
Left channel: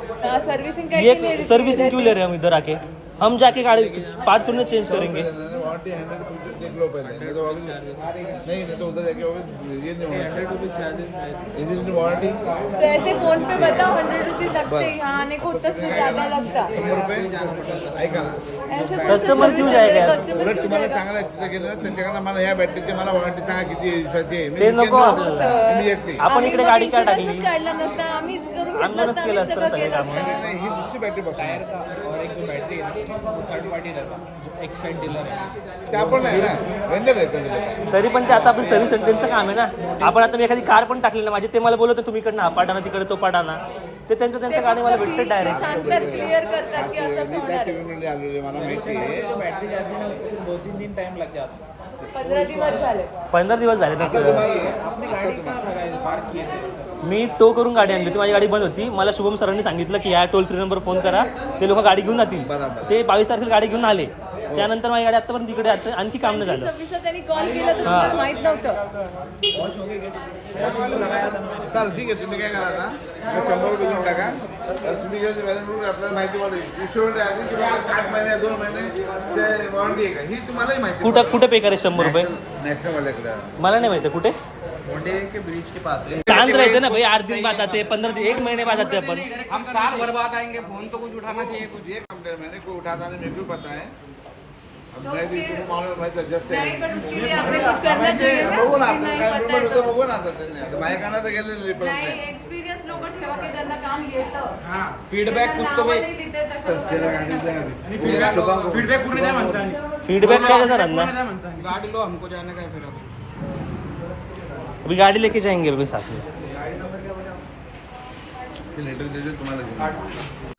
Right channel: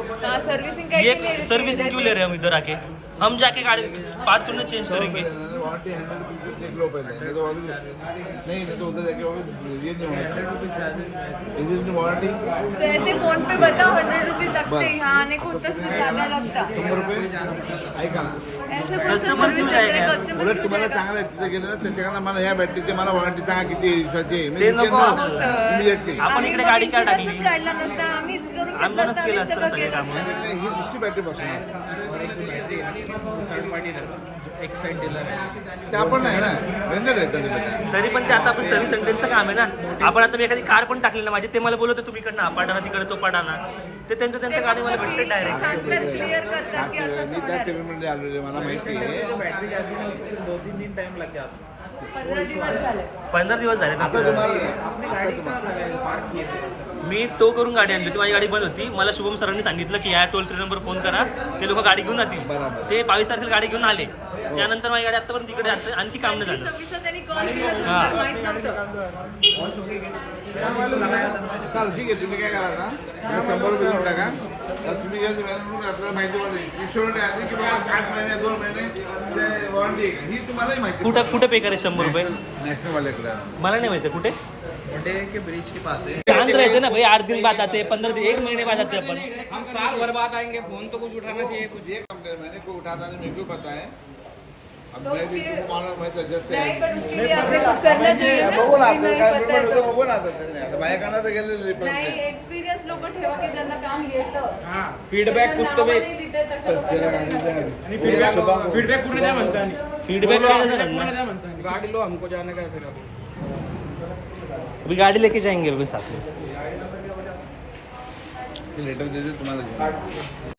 सर्व्हिसिंग ये सर्विसिंग क्यों ले रहे हैं हम इधर आके? हम जाके गाड़ी पार्ट थोड़ी चेंज करेंगे। वारंटी हंड्रेड रुपीज देख लो पहले नहीं तो अभी नहीं नहीं तो उधर जाके अभी ये नहीं होना hundred rupees charges is it warranty तो ऐसे फोन पे बताओ हंड्रेड रुपीज लगते हैं यहाँ आने को उतना से ज्यादा लगता। शंभर रुपये ऐका ना ऐसे कोण Customer क्यों जाएगा? उलट तुम्हाला? चांगलं आहे तिथे गेलं त्यांच्याकडनं मला ह्या बॅटरीची मला वॉरंटी सांगा किती दिवसाची आहे ते नको. आपण इकडे गाडी का टाकली नसता आम्ही केलं असतं सगळं कामं. ही दुसरी बॅटरी बघणार थर्ड पार्टी रहता जो एक साइड डीलर है ते आपण नाही ना. वेंडर आहेत त्यांचे बॅटरी तरी पण ते आता आपण सर्व्हिस सेंटरचं काम आहे ना. आपण आता मी एखादी कार पण टाकली ना माझे ते मला बोलत तुम्ही इकडनं हा पाडाना तिकडे तो पाडाना ते त्यांचं त्यांचं गाडी मला भेटते डायरेक्ट सांगतात क्लिअर करतात की असं मी त्या होणार. सेगमेंटमध्ये आलेलो मला माहिती आहे. जो बैटरी जाती है ना उसको दो तीन दिन टाइम लग जाता है पंधरा दिवस झाले. पंधरा दिवस झाले. तुम्हाला गाड़ी पार्क किए थे मी टो करून गाडी आणली होती. माझी गाडी बंद होती. मला शुभम सरांनी सांगितलं की या टोल फ्री नंबर फोन करा. ते लोक गाडी घेऊन जातील. बरोबर. ते बावीस तारखेला गाडी घेऊन आले. त्यानंतर माझी गाडी आतापर्यंत तिकडे आहे. आणखी काम नाही झालं. सव्वीसला त्यांनी कॉल केला तर हा. तुम्हाला माहीत नव्हतं. वॉश हो गई वॉशिंग को लगाया था मैंने चालेल ठीक आहे. तुम्ही काय करा आता? मला शंभर रुपये देऊन टाका. तर तुम्ही जे बॅलन्स आपल्याला माहिती पडेल इन्शुरन्स आहे की बाबा आठ महिने दोन महिने ते वॉरंटी आहे का? ही तुम्हालाही माहिती कुठं कुठं पे करायचं शंभर रुपये? मला नाही माहिती कुठे. के ब्रिज के पास है शांत रहते ना भाई आठ दिन बाद आते पंद्रह दिन एक महीने बाद आते अपन। हम साल भर बाद आएँगे फ़ोन तो कुछ उठाना चाहिए कुछ। ये कंप्लेन मैंने को उठाता नहीं मेरे को पता है। अब मैं भी तुमको मालूम है तो जस्ट नहीं, पण उसके लिए आपने कुछ करना चाहिए ना बघू ना की नाही आता स्वतः काय आता त्यांनी बायकांना तर गेलेले पण एक्सपिरियन्स लोक ठेवा की ज्यांना काम येतं फीडबॅक कुछ तो भाई। फीडबॅक पूर्ण म्हणता फीडबॅक काय आणि गाडी लो हमको जाने का है फिर अभी गाडी लेके जाएंगे अभी साथ में।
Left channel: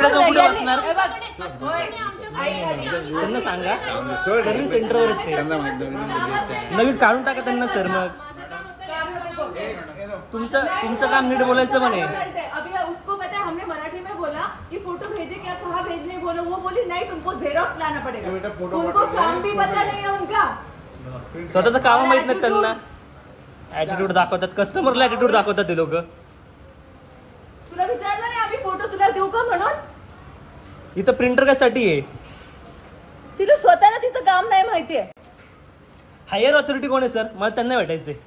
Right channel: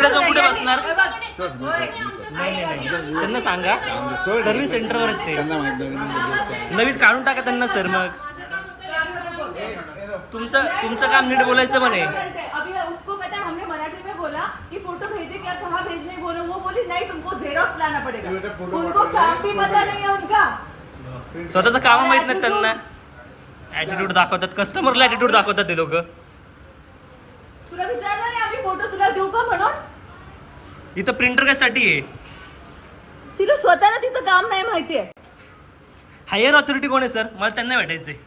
कुठे बसणार त्यांना सांगा सर्व्हिस सेंटरवर आहेत ते. नवीन काढून टाका त्यांना सर मग. तुमचं तुमचं काम नीट बोलायचं म्हणे. अभी उसको पता है हमने मराठी में बोला कि फोटो भेजे क्या कहाँ भेजने बोलो वो बोली नहीं तुमको लाना पड़ेगा उनको काम भी पता नहीं है उनका स्वतःचं काम माहीत नाही त्यांना. ऍटिट्यूड दाखवतात. कस्टमरला ऍटिट्यूड दाखवतात ते लोक. तुला विचारलं नाही आम्ही फोटो तुला देऊ का म्हणून? इथं प्रिंटर कशासाठी आहे? तिला स्वतःला तिचं काम नाही माहितीये हायर ऑथॉरिटी कोण आहे सर मला त्यांना भेटायचंय. आहे.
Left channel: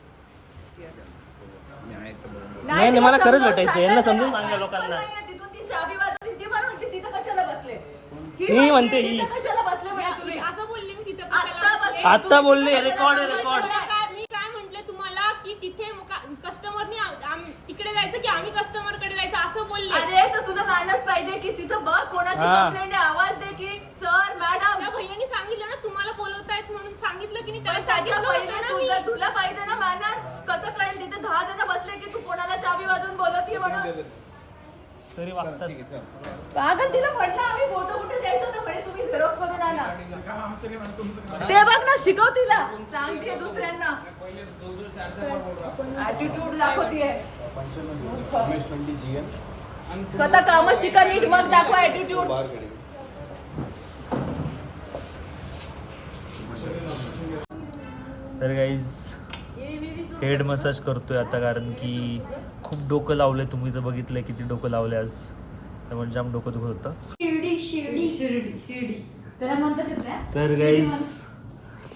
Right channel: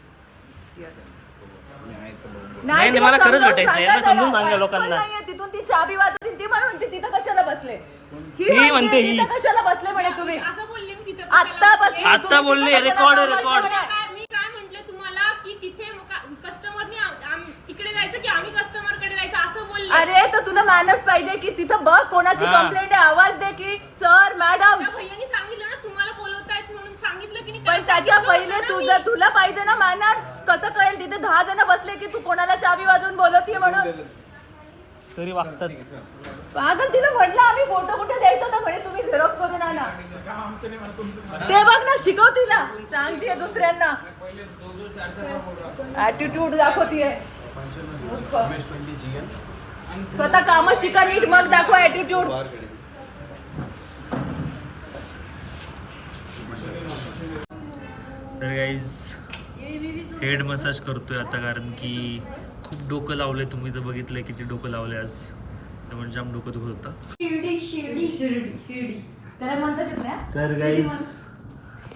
नाही, नाही, मला खरंच भेटायचं. यांना समजून सांगा लोकांना. तिथून ती चाबी वाजवली ती मला म्हणते तिथं कशाला बसले? ही म्हणते ही. कशाला बसले म्हणे तुम्ही? असं बोलले मी तिथं बसले? आता बोलले, रेकॉर्ड आहे, रेकॉर्ड. बसले? काय मी काय म्हंटल तुम्हाला की तिथे कस्टमरनी तिकडे जायचं की आम्ही कस्टमरकडे जायचं? असं बोलले. अरे तर तुला मानस पाहिजे की तिथं बघ कोणाची हा. कंप्लेंट आहे. आवाज दे की सर मॅडम त्या भैयानी सांगितलं ना तुम्हाला बोलवतायत म्हणून सांगितलं की नाही पण त्याला त्याच्या सांगितलं पहिले ना तुझं मी. तुला पाहिजे ना मानस कसं कळेल? तिथे दहा जण बसले की तू कोणाला चावी वाजून बोलवती म्हणून. तरी वागतात. अगं तिला म्हटलं आम्ही फोटो कुठे द्यायचा तर म्हणे तुम्ही झेरॉक्स करून आणा ते बघ ना शिकव तिला. सांगते दुसऱ्यांना. ऍटिट्यूड दाखवतीये. स्वतः काम शिका नीट मग दाखवा ऍटिट्यूड तर गाईज हेड मसाज करतोय आता कारण की खूप डोकं लावलंय. तुम्ही तर बघितलंय किती डोकं लावलंय आज. त्यामुळे जाम डोकं दुखत होतं. शिर्डी शिर्डी. शिर्डी शिर्डी. त्याला म्हणतात येत ना तर गाईज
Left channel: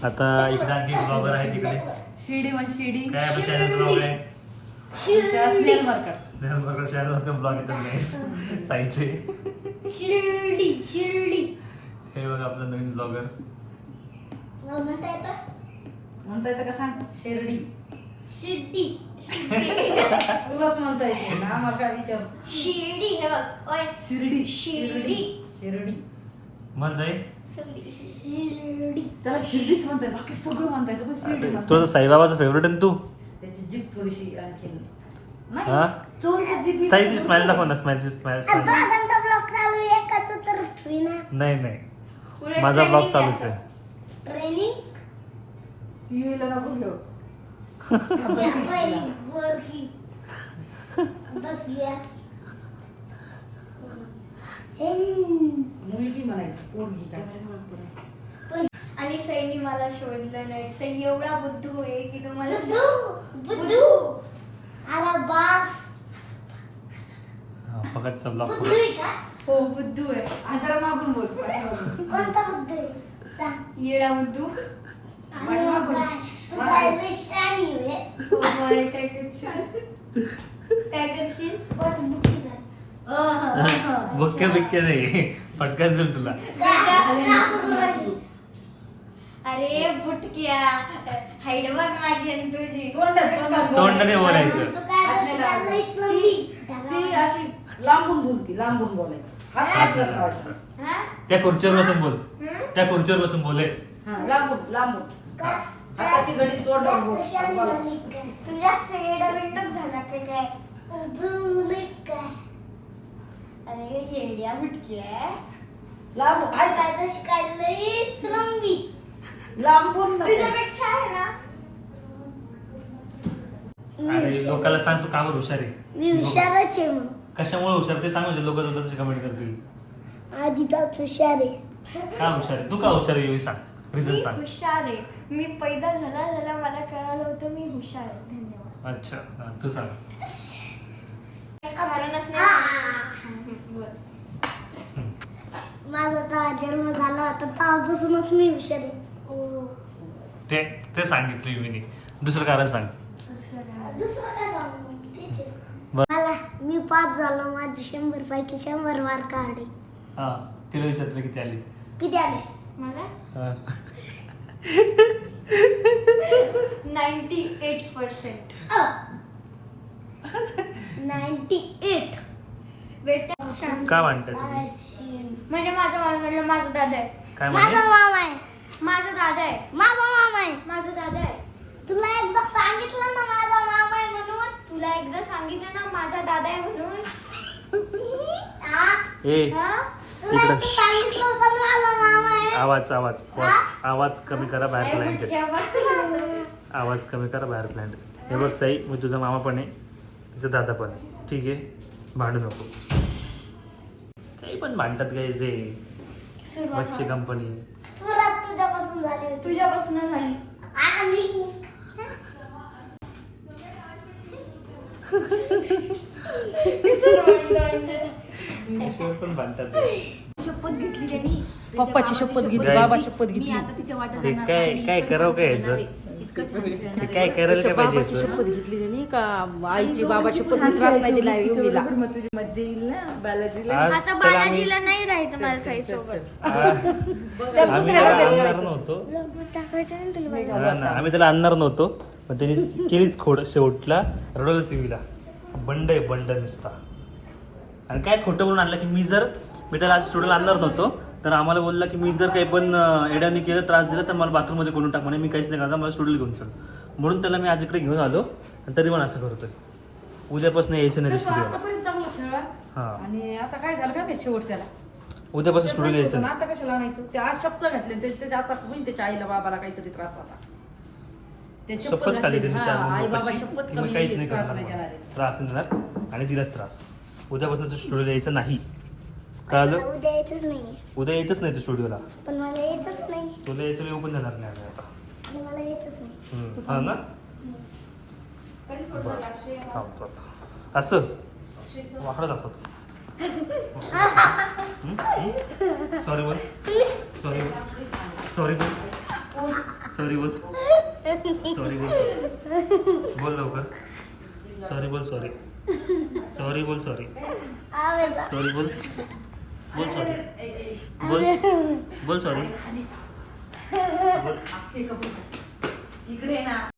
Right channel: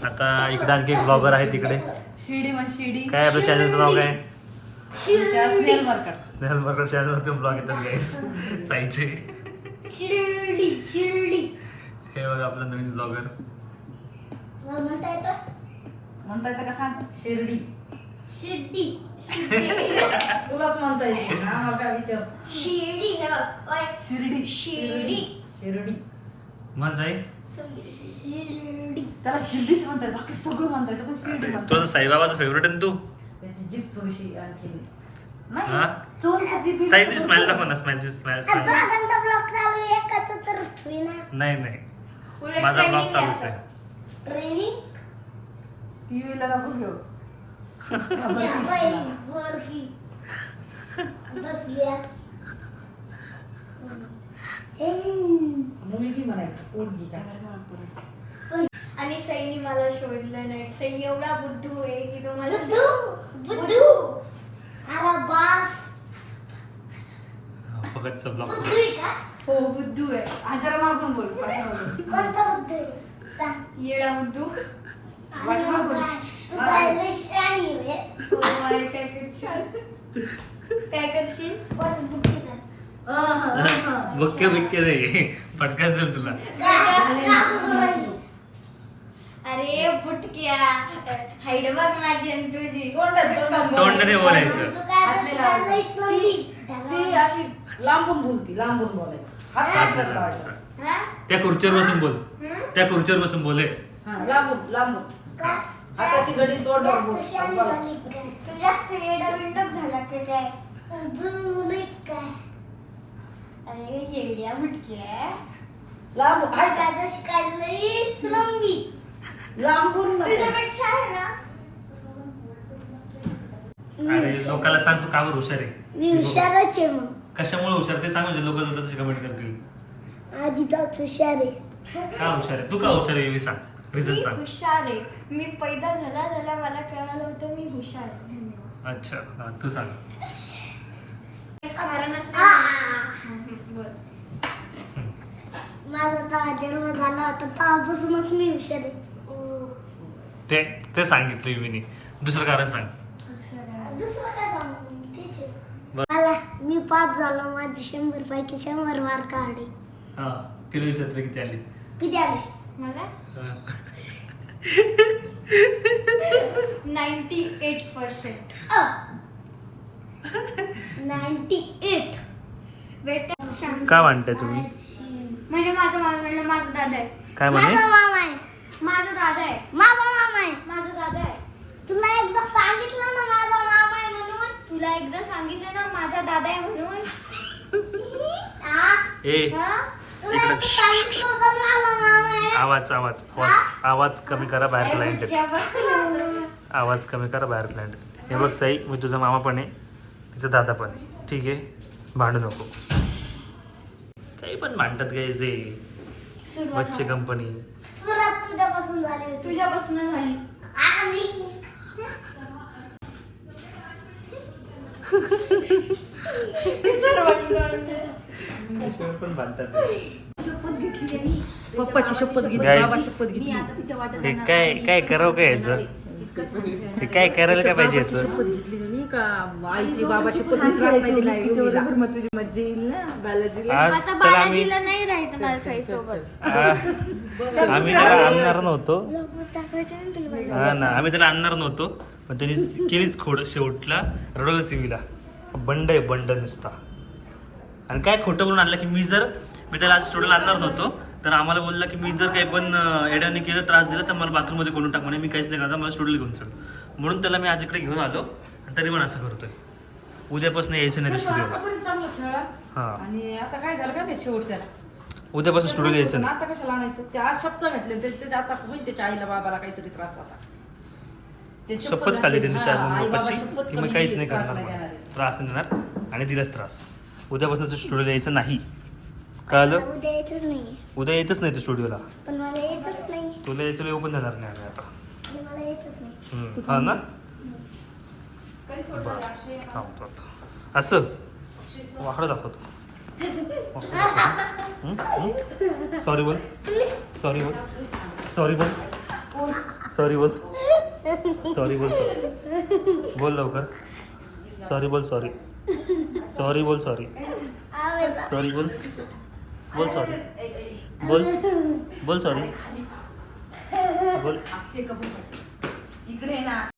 आता इकडे आणखी एक ब्लॉगर आहे तिकडे. शिर्डी म्हण शिर्डी. काय आपल्या चॅनलचं नाव काय? तुमच्या स्नेहल मार्केट स्नेहल बर्गर चॅनलवरती ब्लॉग येतात गाईज साईचे. शिर्डी शिर्डी. हे बघा आपलं नवीन ब्लॉगर म्हणता येतं म्हणता येतं का सांग? शिर्डी. शिर्डी. तुलाच म्हणता येते ना आम्हाला काय विचार शिर्डी हे बघ ओय. शिर्डी. शिर्डी. शिर्डी. जाईल शिर्डी. त्याला शिर्डीच म्हणता येत बाकी सगळं म्हणता येतं पण शिर्डी म्हणता तुझं साईबाबाचं फेवरेट आहे ना तू? त्याची जीप थोडीशी आणखी हा? चोरची जीप साईची स्माइल दाखव ना स्माइल स्माइल आता त्यांचा ब्लॉग चालू आहे का तर ना. नाही नाही. माझा ब्लॉग trending चालूच असं. आहे. ट्रेनिंग मुलगी म्हणायचं पोरगी काय? आणि सैनी मला शोधलं नाही. सैनी एवढा बुद्धू आहे की तो मला बुद्धू? बुद्धू? अरे बास. फक्त बुद्धू आहे का? हो बुद्धू आहे. आणि जरा मागून बोल पाठीमागून. कोणता बुद्धू आहे? सांग. येडा बुद्धू. पण बुद्धी कर. बुक्के बिक्के नाही फटकाच देईल तुला अरे बुटक्या हाईड बघ माझी आणि तुझी तोंडाने बोलायचं तू काय करशील? अशी लांबून बोलती लांबून बोलायचं हात आपल्याला लावायचा हा? त्या खुर्चीवर बसून बोल? त्या खुर्चीवर बसून बोले हा लांबून लांबून काय? हाताची घडी जास्त शहाणी झाली काय? तू का काय? अरे काय. काय तशी लंबी. लांबून नको. तुझ्यापेक्षा आहे ना? अरे लोकांना सांग तू का बरं हुशार आहे? मी हुशारच आहे मग. कशामुळे हुशार? ते सांग म्हणजे लोक तुला तशी कमेंट करतील. आधीचाच हुशार आहे. हा हुशार आहे? तू का हुशार आहे? हे सांग. मी सांग हुशार आहे. मी पैदा झाला झाला मला कळालं होतं मी हुशार आहे. धन्यवाद. अच्छा हा, तू सांग. कारणच नाही. माझा तर जन्म झाला होता तेव्हापासूनच मी हुशार आहे. ते ते सांगितलं मी दुसरं कारण सांग. दुसरं काय सांगू? तेच आहे. बर. मला मी पास झालो माझे शंभर पैकी शंभर मार्क आले. हा तिला विचारलं किती आली? किती आले? मला? हा. Ninety eight percent. Ninety eight. बेटा म्हणताय तुम्ही? म्हणजे माझा मामा म्हणलं माझा दादा आहे. काय म्हणे? मामा आहे. माझा दादा आहे. माझा मामा आहे. माझा दादा आहे. तुला एकदा सांगितलं ना माझा मामा आहे म्हणून? तुला एकदा सांगितलं ना माझा दादा आहे म्हणून? हा? ए. हा? इकडे आवाज आवाज आवाज आवाज कमी करा बाहेर क्लायंट. आवाज कमी करा बाहेर क्लायंट हे बघ साई मी तुझा मामा पण आहे तिचा दादा पण आहे. ठीक आहे? भांडू नको. काही पण भांडतात काय जे बच्चे कंपनी तुझ्यापासून झाली तुझ्यापासून झाली. आणि पण भांडतात शपथ घेतली त्यांनी. पप्पाची शपथ घेतली Guys. बाबाची शपथ मी घेतली. आता तिच्या वाटत जाणार काय काय करावं काय याचं. काय करायला काय पाहिजे बाबाची याचं? शपथ घेतली त्यांनी का? आईची बाबाची शपथ त्रास नाही दिला योगीला. मग तुझी मज्जा येईल ना? बालाजीला? आज आता त्याला आम्ही बालाजीला नाही राहायचं मला साई सोबत आ- आम्ही त्याला आणणार नव्हतो. टाकायचं ना तुला बाई. हा ना आम्ही त्याला आणणार नव्हतो. पण त्यांनी केलीच खोड शेवटला रडवलं सिवीला बंड आहे बंड नुसता. आणि काय खोटं बोलून आणलं की मी जर मी त्याला आज स्टुडंट आणणार नव्हतो तर आम्हाला बोलला की मी जर काही पण अं, येड्याने केलं त्रास दिला तर मला बाथरूममध्ये कोणून टाक? म्हणे मी काहीच नाही करता मला स्टुडंट घेऊन चल. म्हणून त्याला मी आज इकडे घेऊन आलो आणि तरी पण असं करतोय. उद्यापासून यायचं नाही स्टुडिओला हा. आणि आता काय झालं माहिती शेवट त्याला? उद्यापासून स्टुडिओ यायचं आता कशाला आणायचं? ते आज शब्द घातले ते त्याच्या आता होईल त्याच्या आईला बाबाला काहीतरी त्रास होता शपथ खाली त्यांनी चार हा, की कमी काहीच नाही करणार. त्रास नाही देणार आणि दिलाच त्रास. उद्यापासून स्टुडिओ यायचं नाही. कळलं? मला उद्या यायचंच नाही उद्या येतच नाही तू स्टुडिओला. पण मला यायचंच नाही तुला यायचं येऊ पण देणार नाही आम्ही आता. आणि मला यायचंच नाही. हम्म, हा ना? बरं थांबतो आता. असं? वाकडं दाखवतो. सॉरी बोल. सॉरी बोल. सॉरी बोल. सॉरी बोल. सॉरी बोल बोल लवकर. सॉरी बोल सॉरी सॉरी बोल सॉरी. सॉरी बोल. बोल सॉरी. बोल. बोल सॉरी. बोल. इकडे ना.